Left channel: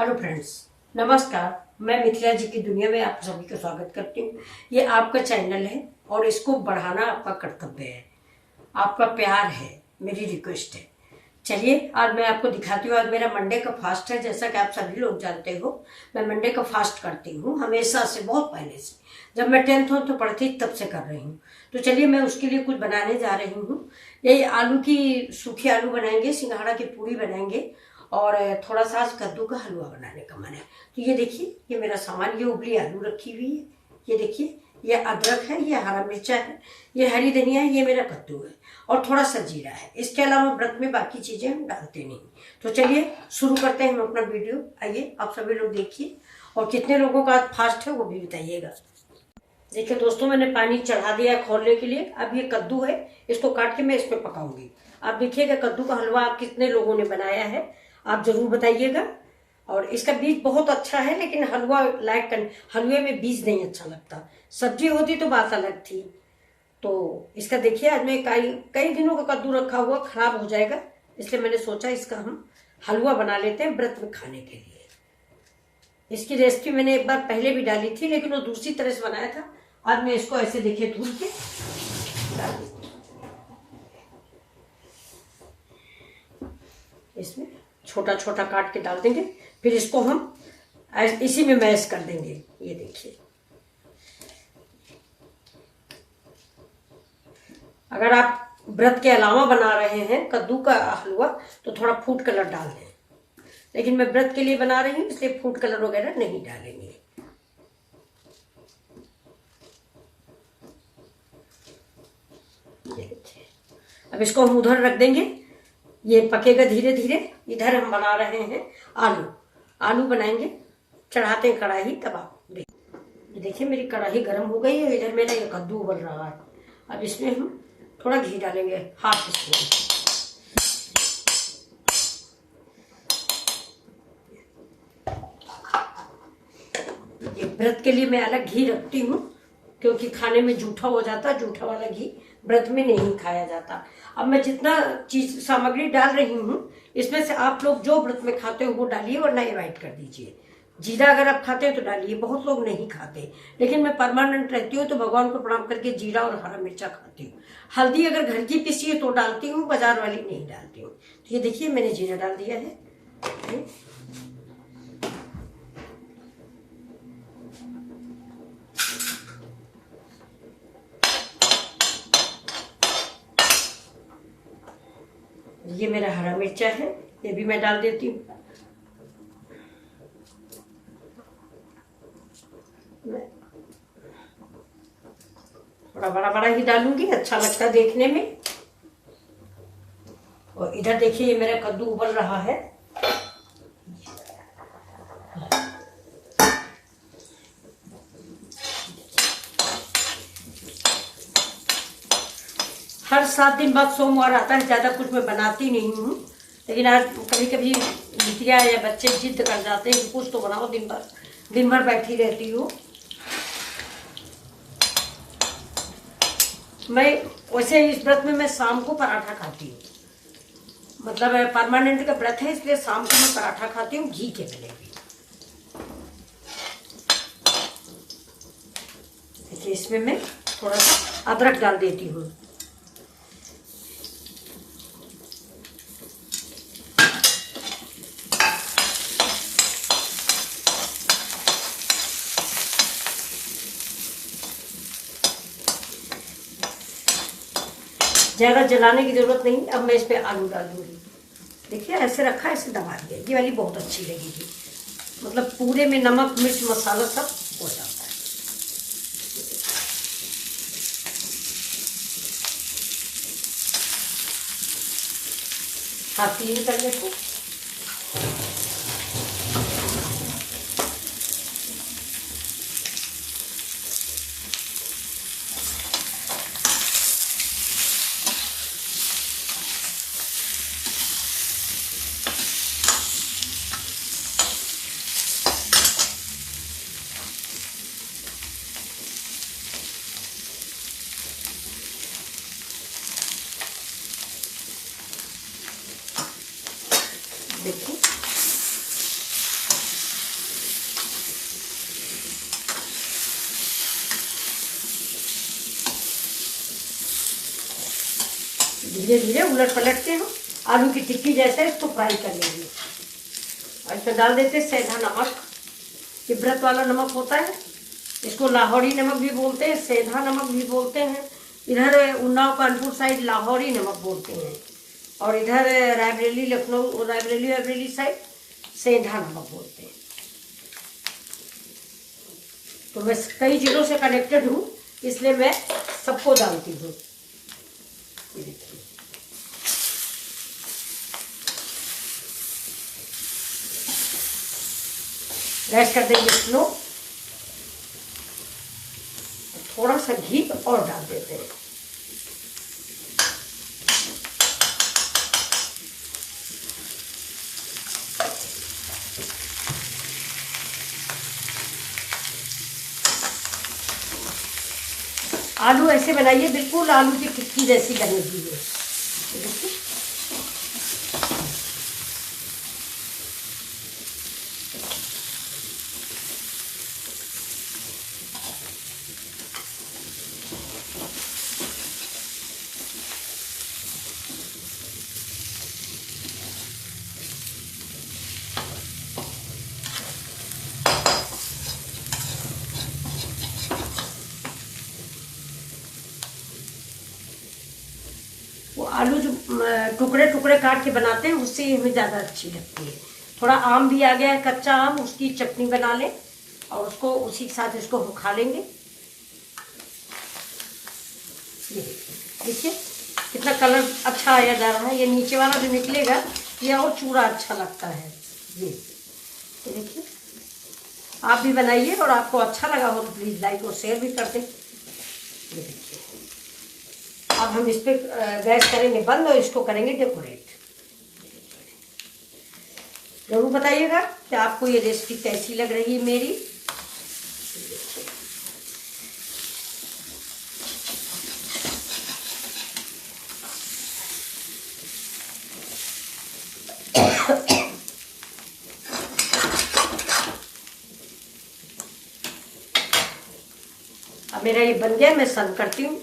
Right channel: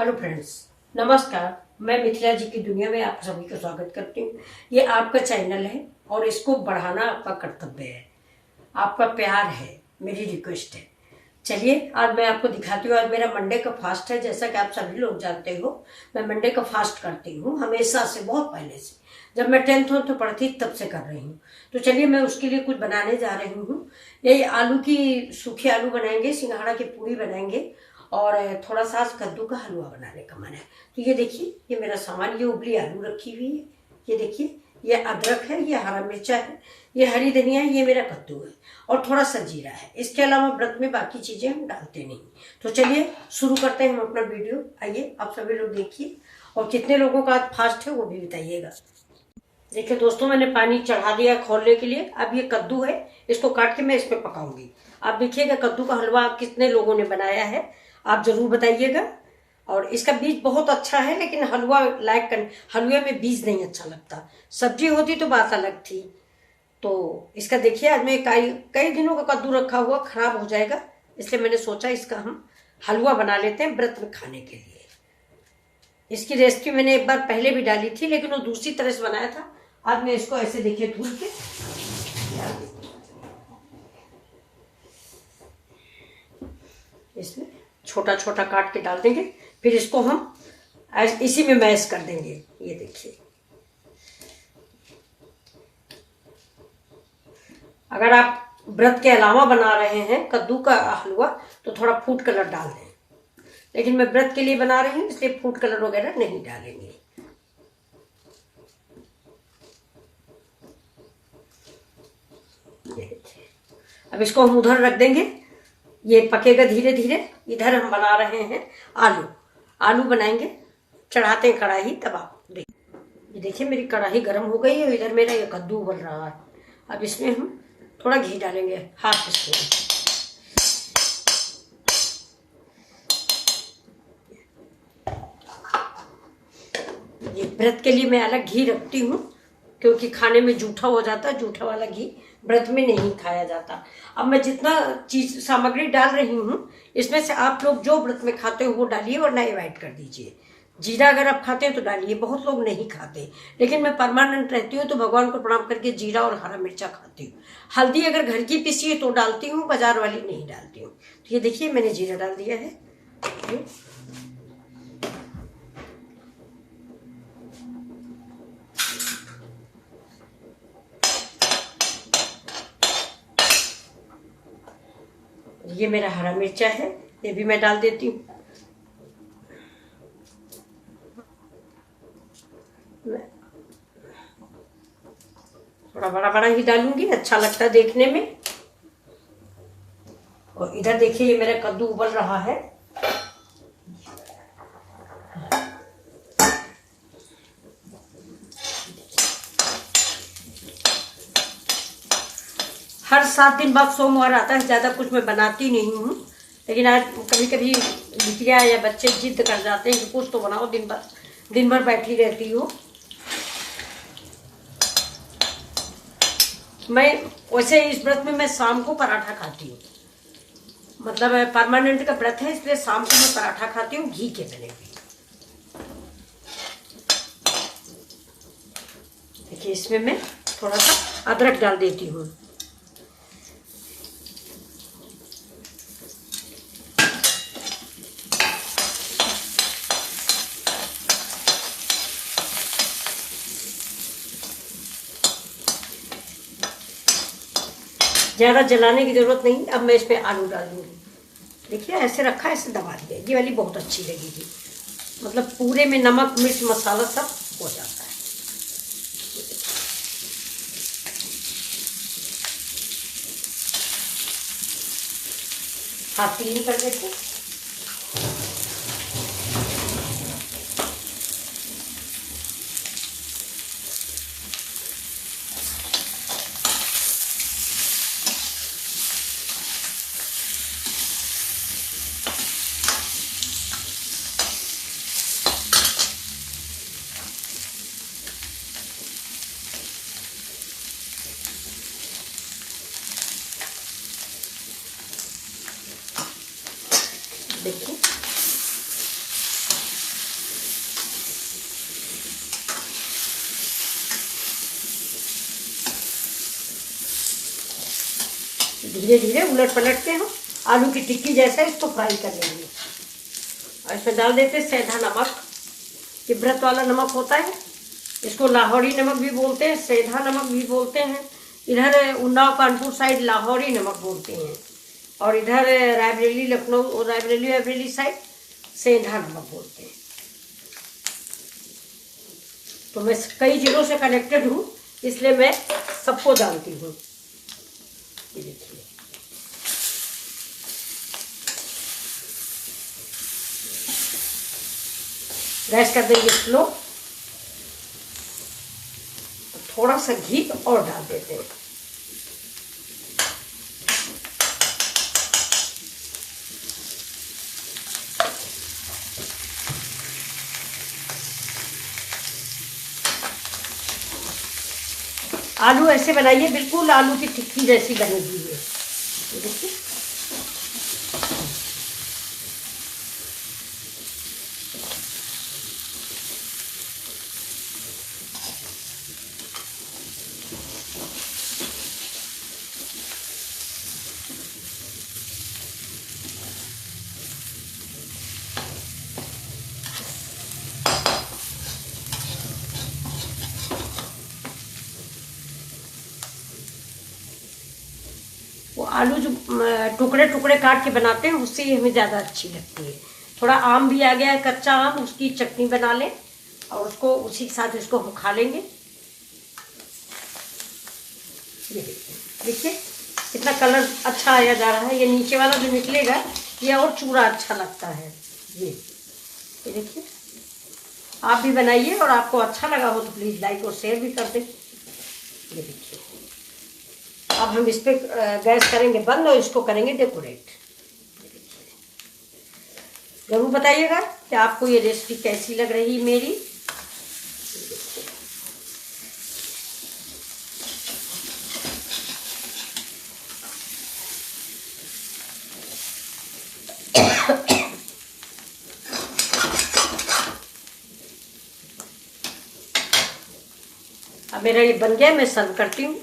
Hello friends, नमस्कार। मैं मिथिला जी की दुनिया में आप सभी का स्वागत करती हूँ। ये आपका चैनल है और इसको बढ़ाना आपका कर्तव्य है, आपका प्यार है, मेरी रिक्वेस्ट है। चलिए आज मैं आपको दिखाती हूँ। आज मेरा मंडे का फास्ट है। जैसा कि आप सभी लोग जानते हो, मैं मंडे का फास्ट करती हूँ हमेशा से, बहुत पहले से। जब मैं 10th में तो पढ़ती तब से कर रही हूँ। तो चलिए मैं उसके लिए कुछ बनाने जा रही हूँ। ये आलू की सूखे आलू बनाएंगे, सिंघाड़ा की पूरी बनाएंगे और थोड़ा सा आज कद्दू का हलवा बनाने का मन है। तो ये देखिए, ये मेरा सामान, ये उबली आलू रखी हुई है, ये देखिए, ये अदरक है, ये हरा मिर्चा है, ये हरी धनिया है, ये मेरा कद्दू है और थोड़ा सा जीरा है। इसके अलावा व्रत में बाकी चीजें हम डालते नहीं। तो चलिए शुरू करते हैं हम अपना वीडियो। आइए आप सभी लोग देखिए और कितने लोगों का आज फास्ट है वो भी बताइएगा। देखिए दोस्तों, मैंने पानी चढ़ा दिया है खोलने के लिए। अब ये कद्दू है, इसको काट के मैं इसमें पकाऊंगी। आप देखिएगा कद्दू का हलवा आप कितने लोगों ने बनाया है, आप जरूर बताइएगा। और इसका बीज बहुत अच्छा है, लेकिन हलवा हलवे में बीज नहीं अच्छा लगता। सब्जी होती तो बात अलग थी। तो इसका देखिए, आज मैं कई दिनों का कद्दू रखा हुआ, खराब हो जाएगा, इसलिए मैंने सोचा इसका हम हलवा बना लेते हैं व्रत में खाने के लिए। इसकी रेसिपी मैंने एक बार पहले भी डाली थी, लेकिन वो दूसरी तरह से बनाया था। आज मैं इसको ऐसे देखिए धुल के डाल देती हूँ। इसमें छोटा छोटा काट के डाल देंगे, फिर इसको हम इसी में मैश कर देंगे। ये देखिए, अगर आप व्रत के अलावा बना रहे हैं कद्दू का हलवा तो थोड़ा फूड कलर डाल दें, लेकिन मैं व्रत के लिए बना रही हूँ इसलिए फूड कलर वगैरह नहीं डालेंगे। ये देखिए, अब इसको हम उधर रख देंगे, ये पकेगा धीरे धीरे। इधर हम बना रहे हैं आलू बनाएंगे, चढ़ाते हैं कढ़ाई। तब आप ये देखिए, मेरी कढ़ाई गर्म हो गई है। इधर मेरा ये कद्दू उबल रहा है। अब इसमें हम थोड़ा घी डालेंगे, हाफ स्पून। ये व्रत के लिए मैं अलग घी रखती हूँ, क्योंकि खाने में जूठा हो जाता है। जूठा वाला घी व्रत में नहीं खाया जाता। अब मैं जितना चीज सामग्री डाल रही हूँ, इसमें से आप लोग जो व्रत में खाते हो वो डालिए, वरना अवॉइड कर दीजिए। जीरा अगर आप खाते हैं तो डालिए, बहुत लोग नहीं खाते, लेकिन मैं परमानेंट रहती हूँ तो भगवान को प्रणाम करके जीरा और हरा मिर्चा खाती हूँ। हल्दी अगर घर की पिसी है तो डालती हूँ, बाजार वाली नहीं डालती हूँ। तो ये देखिए, मैंने जीरा डाल दिया है। ये मेरा हरा मिर्चा है, ये भी मैं डाल देती हूँ। थोड़ा बड़ा बड़ा ही डालूंगी, अच्छा लगता है देखने में। और इधर देखिए, ये मेरा कद्दू उबल रहा है। हर 7 दिन बाद सोमवार आता है। ज्यादा कुछ मैं बनाती नहीं हूँ, लेकिन आज कभी कभी बिटिया या बच्चे जिद कर जाते हैं कि कुछ तो बनाओ। दिन भर बैठी रहती हूँ मैं। वैसे इस व्रत में मैं शाम को पराठा खाती हूँ, मतलब परमानेंट का व्रत है, इसलिए शाम को मैं पराठा खाती हूँ घी के बने हुए। देखिए, इसमें मैं थोड़ा सा अदरक डाल देती हूँ। ज्यादा जलाने की जरूरत नहीं। अब मैं इस पे आलू डाल दूंगी। देखिए, ऐसे रखा है, ऐसे दबा दिया। ये वाली बहुत अच्छी लगेगी, मतलब पूरे में नमक मिर्च मसाला सब हो जाता है। हाथ क्लीन कर लेते हैं। धीरे धीरे उलट पलटते हैं, आलू की टिक्की जैसे इसको फ्राई कर लेंगे। और इसमें डाल देते सेंधा नमक, ये व्रत वाला नमक होता है, इसको लाहौरी नमक भी बोलते हैं, सेंधा नमक भी बोलते हैं। इधर उन्नाव कानपुर साइड लाहौरी नमक बोलते हैं, और इधर रायबरेली लखनऊ रायबरेली साइड सेंधा नमक बोलते हैं। तो मैं कई जिलों से कनेक्टेड हूँ, इसलिए मैं सबको जानती हूँ। ये देखिए, गैस कर देंगे स्लो, थोड़ा सा घी और डाल देते हैं। आलू ऐसे बनाइए, बिल्कुल आलू की टिक्की जैसी बनेगी ये। देखिए, वो आलू जो टुकड़े टुकड़े काट के बनाते हैं उससे ही हमें ज़्यादा अच्छी लगती है। थोड़ा आम भी आ गया है, कच्चा आम, उसकी चटनी बना लें और उसको उसी के साथ इसको हम खा लेंगे। ये देखिए कितना कलर अच्छा आया जा रहा है। ये नीचे वाला जो निकलेगा ये और चूड़ा अच्छा लगता है। ये देखिए, आप भी बनाइए, और आपको अच्छा लगा हो तो प्लीज़ लाइक और शेयर भी कर दें। ये देखिए, अब हम इस पे गैस करेंगे बंद और इसको करेंगे डेकोरेट। जरूर बताइएगा कि आपको ये रेसिपी कैसी लग रही है मेरी। अब मेरा ये बन गया, मैं सर्व करती हूँ।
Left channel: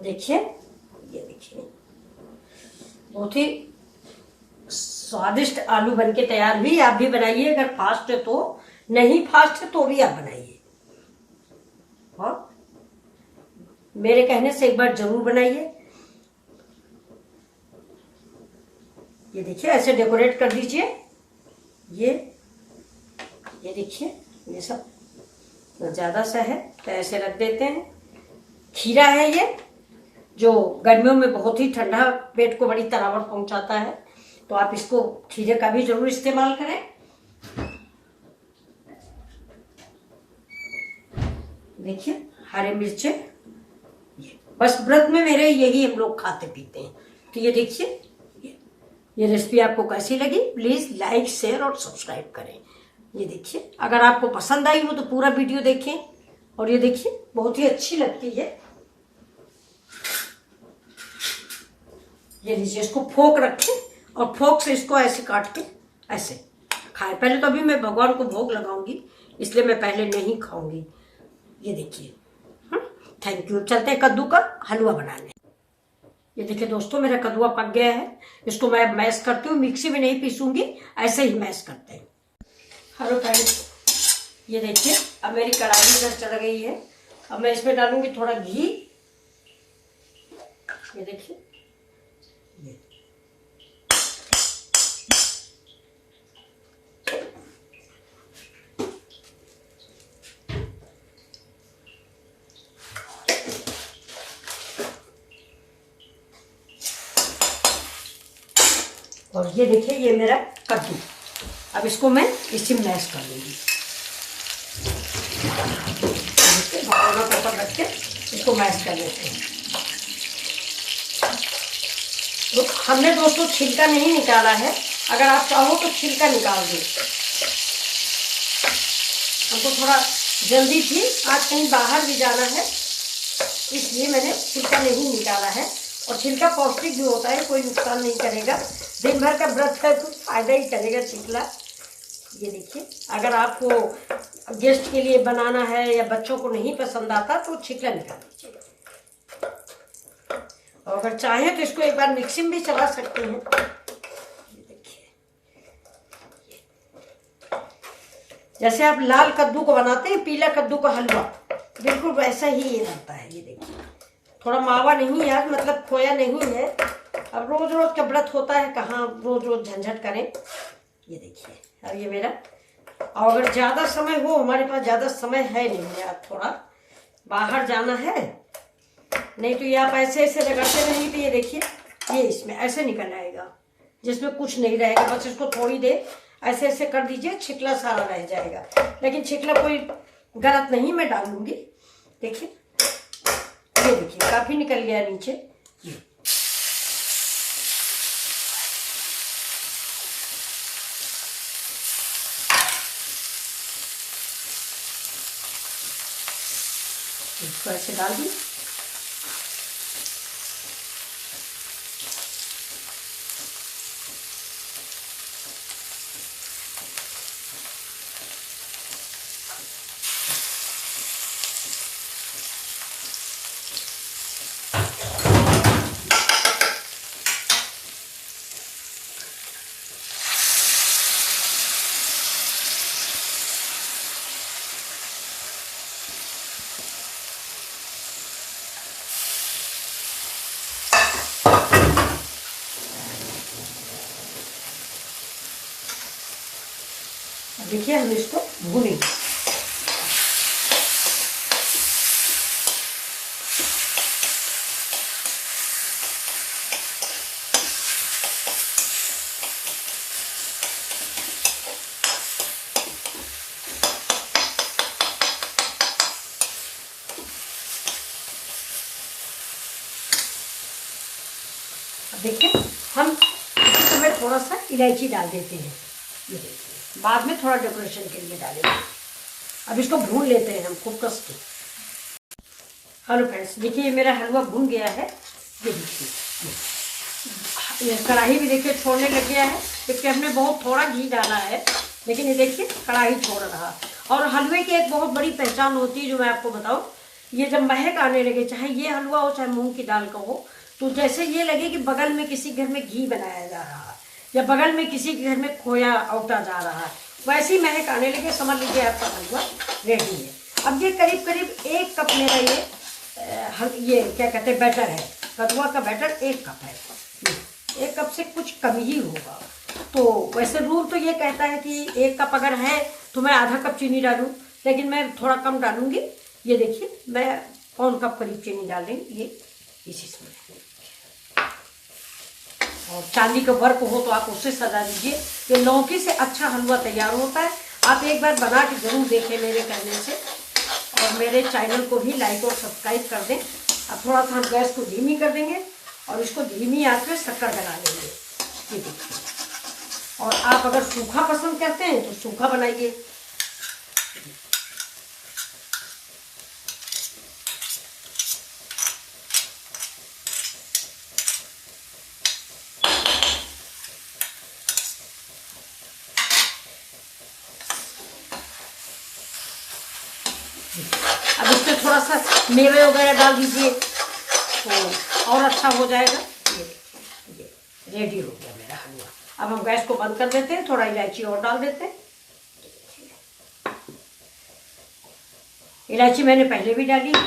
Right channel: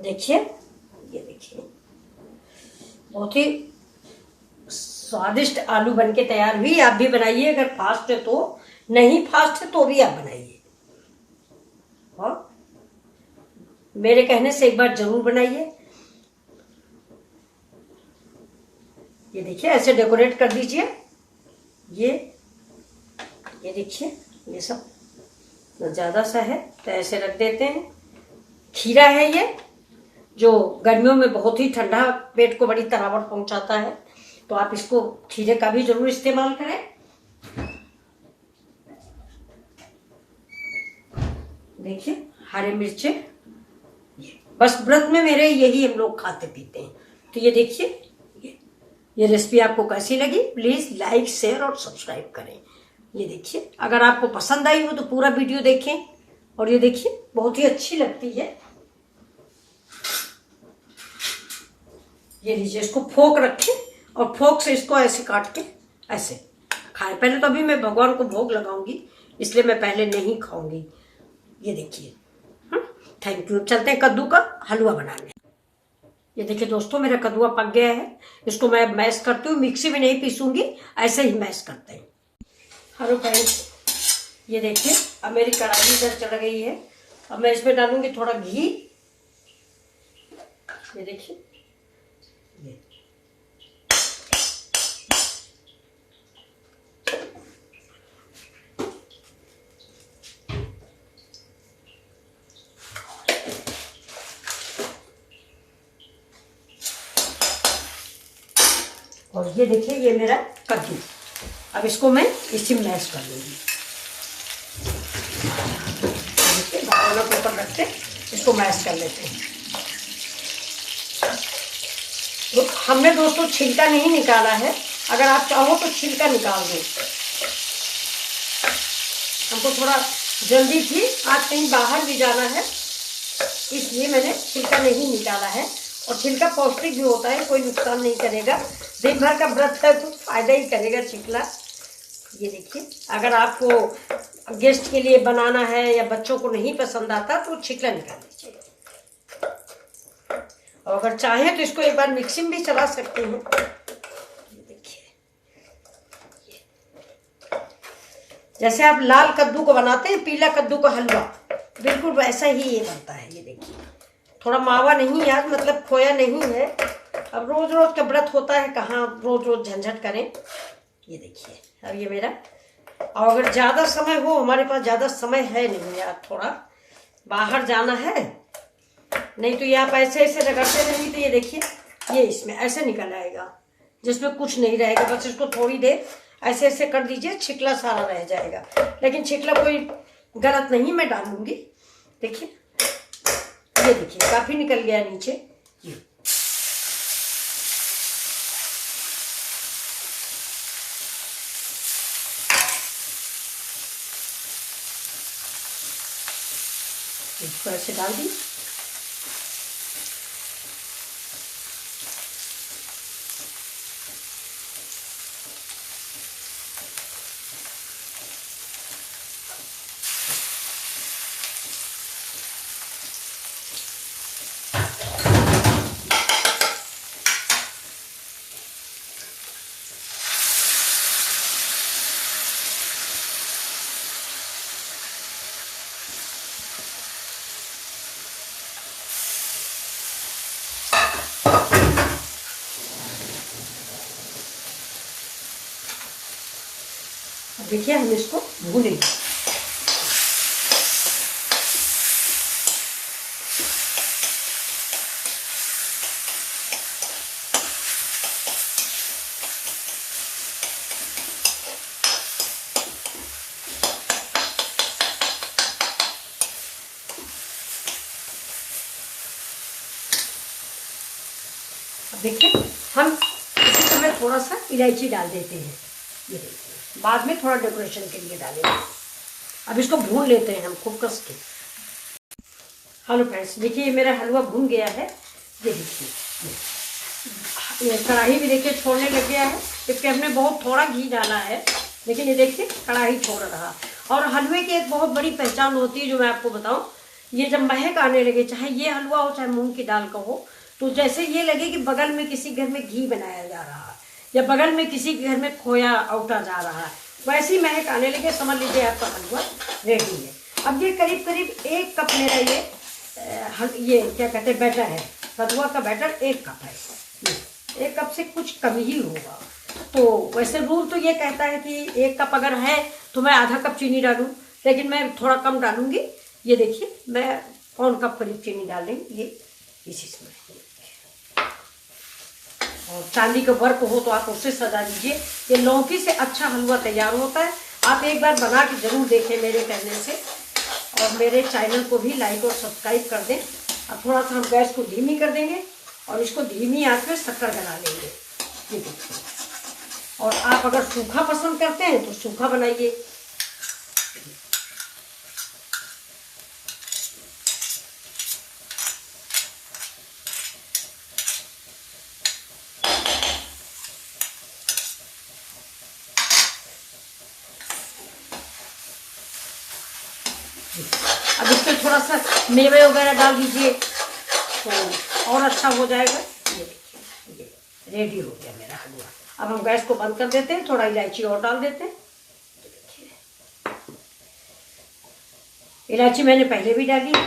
देखिए, ये देखिए, बहुत ही स्वादिष्ट आलू बनके तैयार हुई। आप भी बनाइए, अगर फास्ट है तो, नहीं फास्ट है तो भी आप बनाइए। हाँ, मेरे कहने से एक बार जरूर बनाइए। ये देखिए, ऐसे डेकोरेट कर दीजिए। ये देखिए, ये सब ज्यादा सा है तो ऐसे रख देते हैं। खीरा है ये, जो गर्मियों में बहुत ही ठंडा, पेट को बड़ी तरावट पहुंचाता है, तो आप इसको खीरे का भी जरूर इस्तेमाल करें। देखिए, हरे मिर्चे, बस व्रत में मेरे यही हम लोग खाते पीते हैं। तो ये देखिए, ये रेसिपी आपको कैसी लगी, प्लीज लाइक शेयर और सब्सक्राइब करें। ये देखिए, अगर आपको पसंद आई हो तो पूरा वीडियो देखें। और ये देखिए, बहुत ही अच्छी लगती है। ये लीजिए, इसको फोक रखें और फोक से इसको ऐसे काट के ऐसे खाएं। पहले तो अभी मैं भगवान को भोग लगाऊंगी, इसलिए मैं पहले नहीं खाऊंगी। ये देखिए, थैंक यू। चलते हैं कद्दू का हलवा बनाने। ये देखिए दोस्तों, मेरा कद्दुआ पक गया है। इसको मैं मैश करती हूँ, मिक्सी में नहीं पीसूंगी, ऐसे ही मैश करते हैं। हेलो फ्रेंड्स, ये देखिए, अब मेरी कढ़ाई इधर चल गई है। अब मैं इसमें डालूंगी थोड़ा घी। ये देखिए, और ये देखिए ये मेरा कद्दू। अब इसको मैं इसी में मैश कर लूँगी। भगोना के ऊपर रख के इसको मैश कर लेते हैं। तो हमने दोस्तों छिलका नहीं निकाला है, अगर आप चाहो तो छिलका निकाल दें। हमको थोड़ा जल्दी थी, आज कहीं बाहर भी जाना है, इसलिए मैंने छिलका नहीं निकाला है। और छिलका पौष्टिक भी होता है, कोई नुकसान नहीं करेगा। दिन भर का व्रत है तो फायदा ही करेगा छिलका। ये देखिए, अगर आपको गेस्ट के लिए बनाना है या बच्चों को नहीं पसंद आता तो छिलका निकाल दीजिएगा। और अगर चाहें तो इसको एक बार मिक्सी में भी चला सकते हैं। ये देखिए, जैसे आप लाल कद्दू को बनाते हैं, पीला कद्दू का हलवा, बिल्कुल वैसा ही ये बनता है। ये देखिए, थोड़ा मावा नहीं यार, मतलब खोया नहीं है। अब रोज रोज का व्रत होता है, कहाँ रोज रोज झंझट करें। ये देखिए, अब ये मेरा, और अगर ज़्यादा समय हो, हमारे पास ज़्यादा समय है नहीं यार, थोड़ा बाहर जाना है, नहीं तो ये आप ऐसे ऐसे रगड़ते रहेंगे तो ये देखिए ये इसमें ऐसे निकल आएगा, जिसमें कुछ नहीं रहेगा। बस इसको थोड़ी देर ऐसे ऐसे कर दीजिए, छिकला सारा रह जाएगा। लेकिन छिकला कोई गलत नहीं, मैं डालूंगी। देखिए, ये देखिए काफी निकल गया नीचे। ये इसको ऐसे डाल दी। देखिए, हम इसको भूनेंगे। देखिए, हम इसमें थोड़ा सा इलायची डाल देते हैं। ये देखिए, बाद में थोड़ा डेकोरेशन के लिए डालेंगे। अब इसको भून लेते हैं हम खूब कस के। हेलो फ्रेंड्स, देखिए ये मेरा हलवा भून गया है। ये देखिए, ये कढ़ाई भी देखिए छोड़ने लग गया है, क्योंकि हमने बहुत थोड़ा घी डाला है, लेकिन ये देखिए कढ़ाई छोड़ रहा। और हलवे की एक बहुत बड़ी पहचान होती है, जो मैं आपको बताऊं, ये जब महक आने लगे, चाहे ये हलवा हो चाहे मूंग की दाल का हो, तो जैसे ये लगे कि बगल में किसी घर में घी बनाया जा रहा है या बगल में किसी के घर में खोया औटा जा रहा है, वैसी महक आने लगे, समझ लीजिए आपका हलवा रेडी है। अब ये करीब करीब 1 कप मेरा ये क्या कहते हैं बैटर है, कद्दुआ का बैटर 1 कप है। 1 कप से कुछ कम ही होगा। तो वैसे रूल तो ये कहता है कि 1 कप अगर है तो मैं आधा कप चीनी डालूं, लेकिन मैं थोड़ा कम डालूंगी। ये देखिए, मैं 1 कप करीब चीनी डाल देंगे ये इसमें। और चांदी का वर्क हो तो आप उससे सजा दीजिए। ये लौकी से अच्छा हलवा तैयार होता है। आप एक बार बना के जरूर देखें मेरे कहने से, और मेरे चैनल को भी लाइक और सब्सक्राइब कर दें। अब थोड़ा सा हम गैस को धीमी कर देंगे और इसको धीमी आंच में शक्कर बना लेंगे। ये देखिए, और आप अगर सूखा पसंद करते हैं तो सूखा बनाइए। अब इसमें थोड़ा सा मेवे वगैरह डाल दीजिए तो और अच्छा हो जाएगा। ये देखिए, ये रेडी हो गया मेरा हलवा। अब हम गैस को बंद कर देते हैं, थोड़ा इलायची और डाल देते हैं। इलायची मैंने पहले भी डाली है।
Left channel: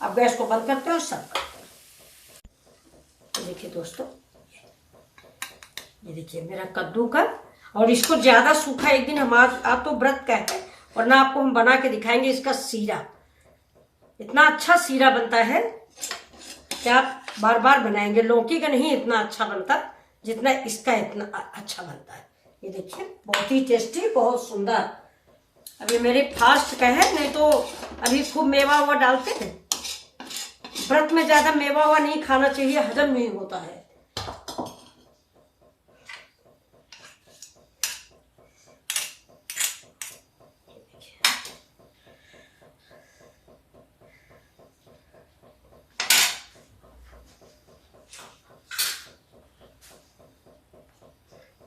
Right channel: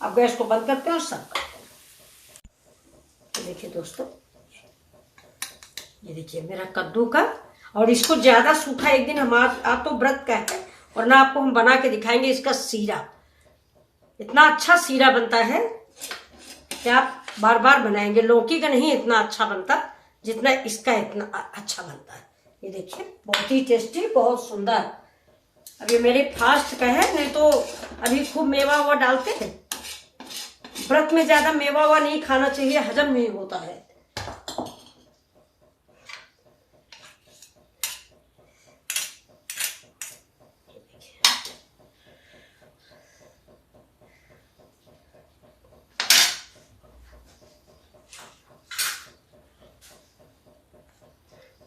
अब गैस को बंद करते हैं और सर्व करते हैं। देखिए दोस्तों, ये देखिए मेरा कद्दू का, और इसको ज्यादा सूखा एक दिन हम आज तो व्रत का है, और ना आपको हम बना के दिखाएंगे इसका सीरा। इतना अच्छा सीरा बनता है कि आप बार बार बनाएंगे। लौकी का नहीं इतना अच्छा बनता जितना इसका इतना अच्छा बनता है। ये देखिए बहुत ही टेस्टी, बहुत सुंदर। अब ये मेरे फास्ट का है, नहीं तो अभी खूब मेवा हुआ डालते हैं। व्रत में ज्यादा मेवा हुआ नहीं खाना चाहिए, हजम नहीं होता है।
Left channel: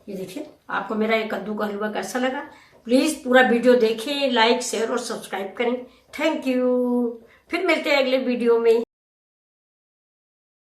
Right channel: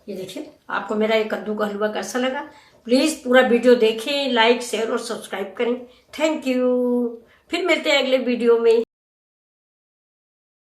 ये देखिए आपको मेरा ये कद्दू का हलवा कैसा लगा। प्लीज पूरा वीडियो देखें, लाइक शेयर और सब्सक्राइब करें। Thank you. फिर मिलते हैं अगले वीडियो में।